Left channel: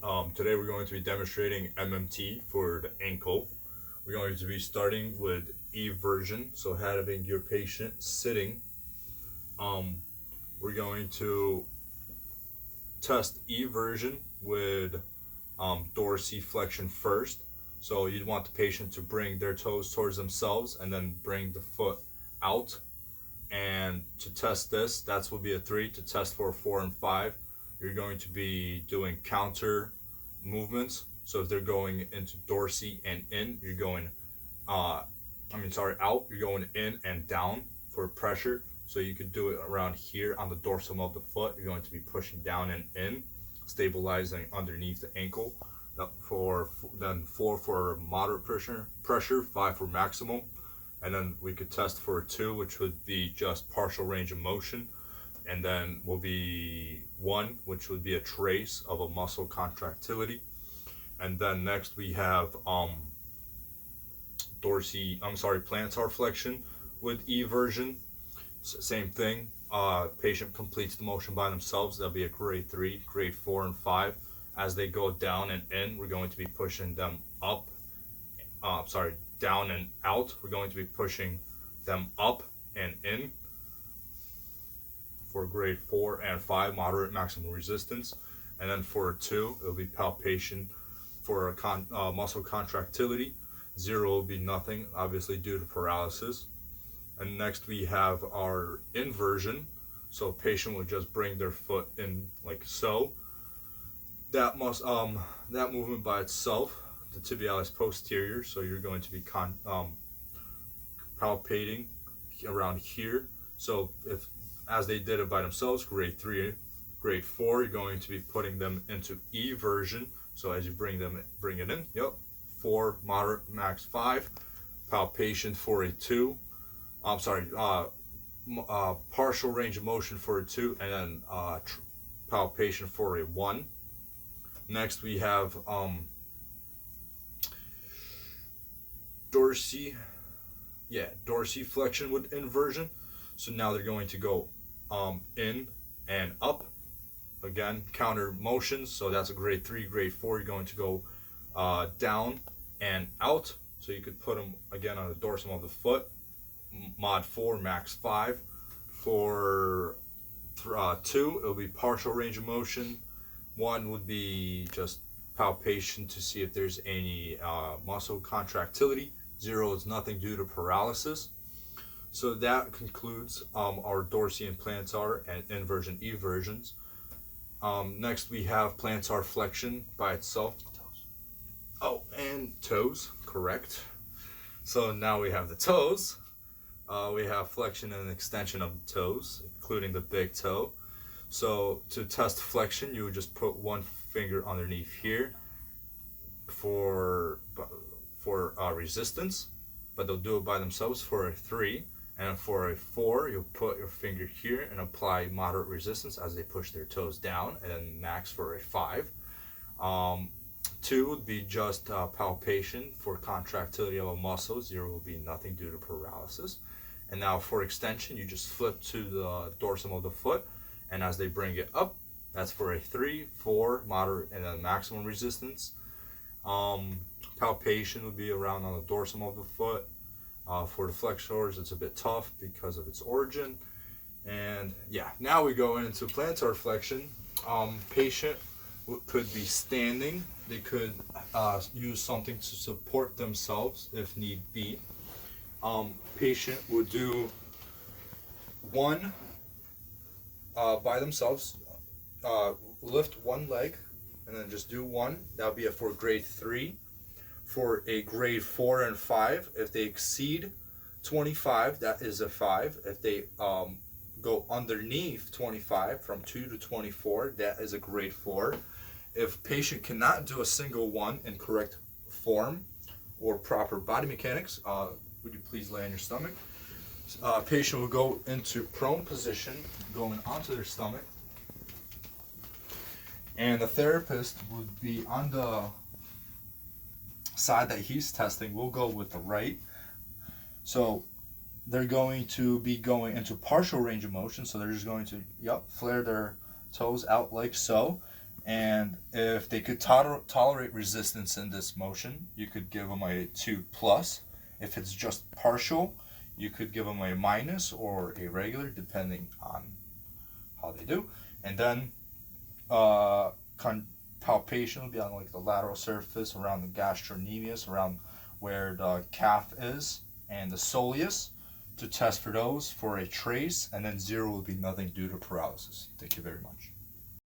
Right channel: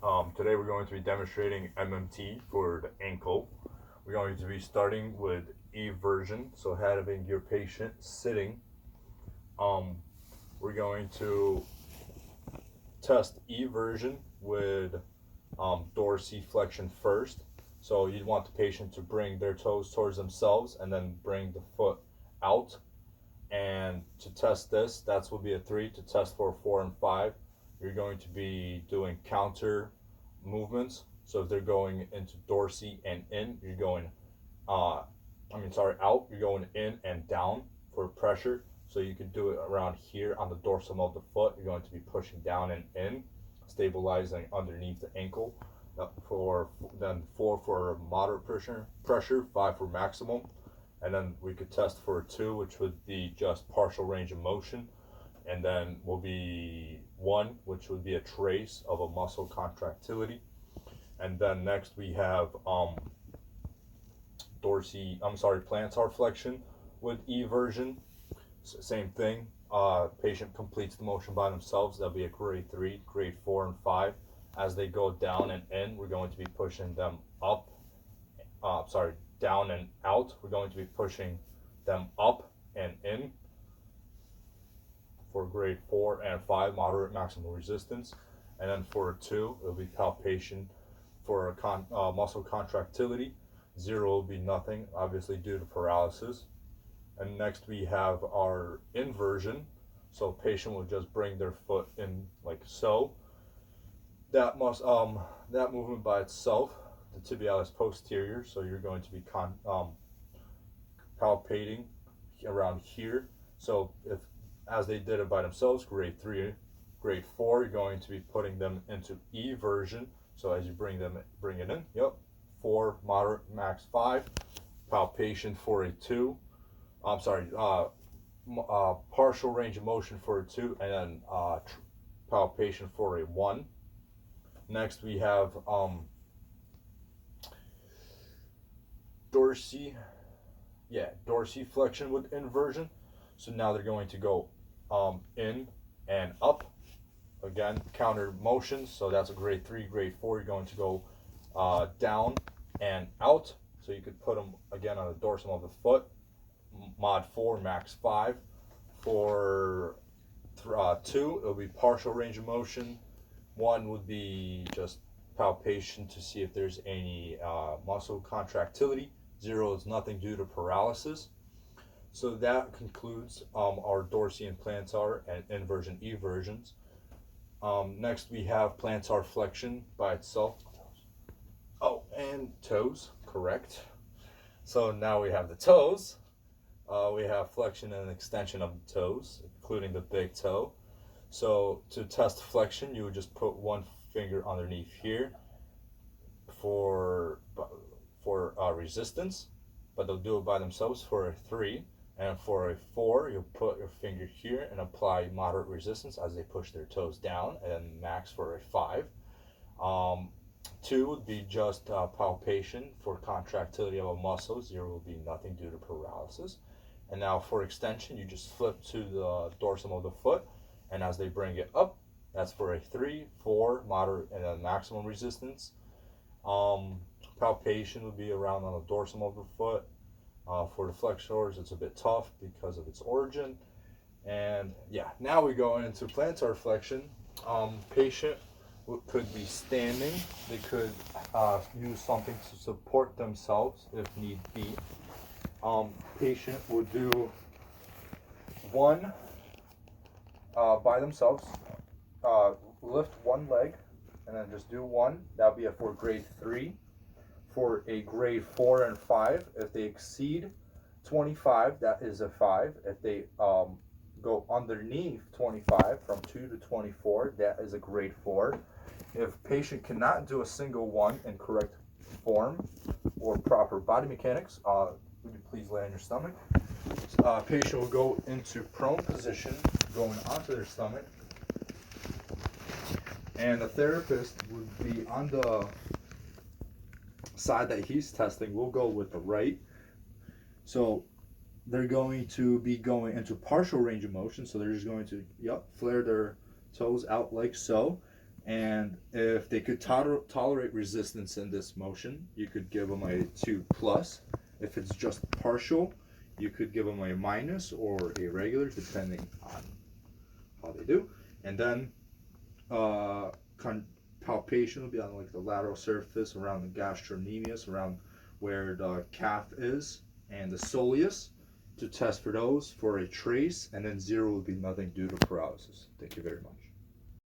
Today we're going to be demonstrating MMT for the ankle. We're going to be starting with eversion, so having your patient sitting. Um, we're going to test eversion with dorsiflexion first. So you'd want the patient to bring their toes towards themselves and then bring the foot out. And to test this, that will be a 3. To test for 4 and 5, you're going to be doing counter movements. So if they're going into dorsi and in, you're going, out, you're going in and down for pressure. So you could do it around here on the dorsum of the foot. You're going to be pushing down and in, stabilizing underneath the ankle. Then 4 for moderate pressure, 5 for maximum. And then we could test for 2, which would be just partial range of motion. And then will be 1, which would be a trace of a muscle contractility. And then next we have plantar flexion with eversion. Same thing. Patient completes the motion by themselves. That'll be a grade 3, grade 4, and 5. As they go down and in, we're going to be pushing them up. Down and out. We're going to be pushing them up and in for grade 4 and 5, moderate maximum resistance. And then for 2, it'll be palpation for muscle contractility. 0 will be nothing, obviously due to paralysis. And next we have our inversion. So patient will just bring their foot in like so. That movement by itself, the tibialis posterior, so you're going to be palpating around here. So if as they did it by themselves, grade 3, grade 4, you're going to be putting them into eversion. So as you bring it in, 4, moderate, max 5, palpation for a 2. Partial range of motion for a 2, and then palpation for a 1. Next we have dorsiflexion with inversion. So now they're going to go in and up. Again, counter motions. So that's a grade 3, grade 4. You're going to go down and out. So you could put them again on the dorsum of the foot. Mod 4, max 5. For 2, it'll be partial range of motion. 1 would be just palpation to see if there's any muscle contractility. 0 is nothing due to paralysis. So that concludes our dorsi and plantar and inversion eversions. Next we have plantar flexion by itself. Oh, and toes, correct. So now we have the toes. We have flexion and extension of the toes, including the big toe. So to test flexion, you would just put one finger underneath here for resistance, but they'll do it by themselves for a 3. And for a 4, you'll put your finger here and apply moderate resistance as they push their toes down, and then max for a 5. 2 would be just palpation for contractility of a muscle. 0 will be nothing due to paralysis. And now for extension, you just flip to the dorsum of the foot, and as they bring it up, that's for a 3, 4, moderate, and then maximum resistance. Palpation would be around on the dorsum of the foot. For the flexors, it's a bit tough because of its origin. And yeah, now we go into plantar flexion. Patient could be standing. They could use something to support themselves if need be. Patient would do 1 by themselves. Lift 1 leg and then just do 1. That would be for grade 3. For a grade 4 and 5, if they exceed 25, that is a 5. If they go underneath 25, from 2 to 24, that is a grade 4. If patient cannot do a single 1 in correct form or proper body mechanics, would you please lay on your stomach? Patient will go into prone position, going onto their stomach, and the therapist would be on the side that he's testing. We'll go with the right. So they're going to be going into partial range of motion. So they're just going to flare their toes out like so, And if they could tolerate resistance in this motion, you could give them a 2 plus. If it's just partial, you could give them a minus or a regular, depending on how they do. And then palpation will be on like the lateral surface around the gastrocnemius, around where the calf is, and the soleus, to test for those for a trace. And then 0 will be nothing due to paralysis. Thank you very much.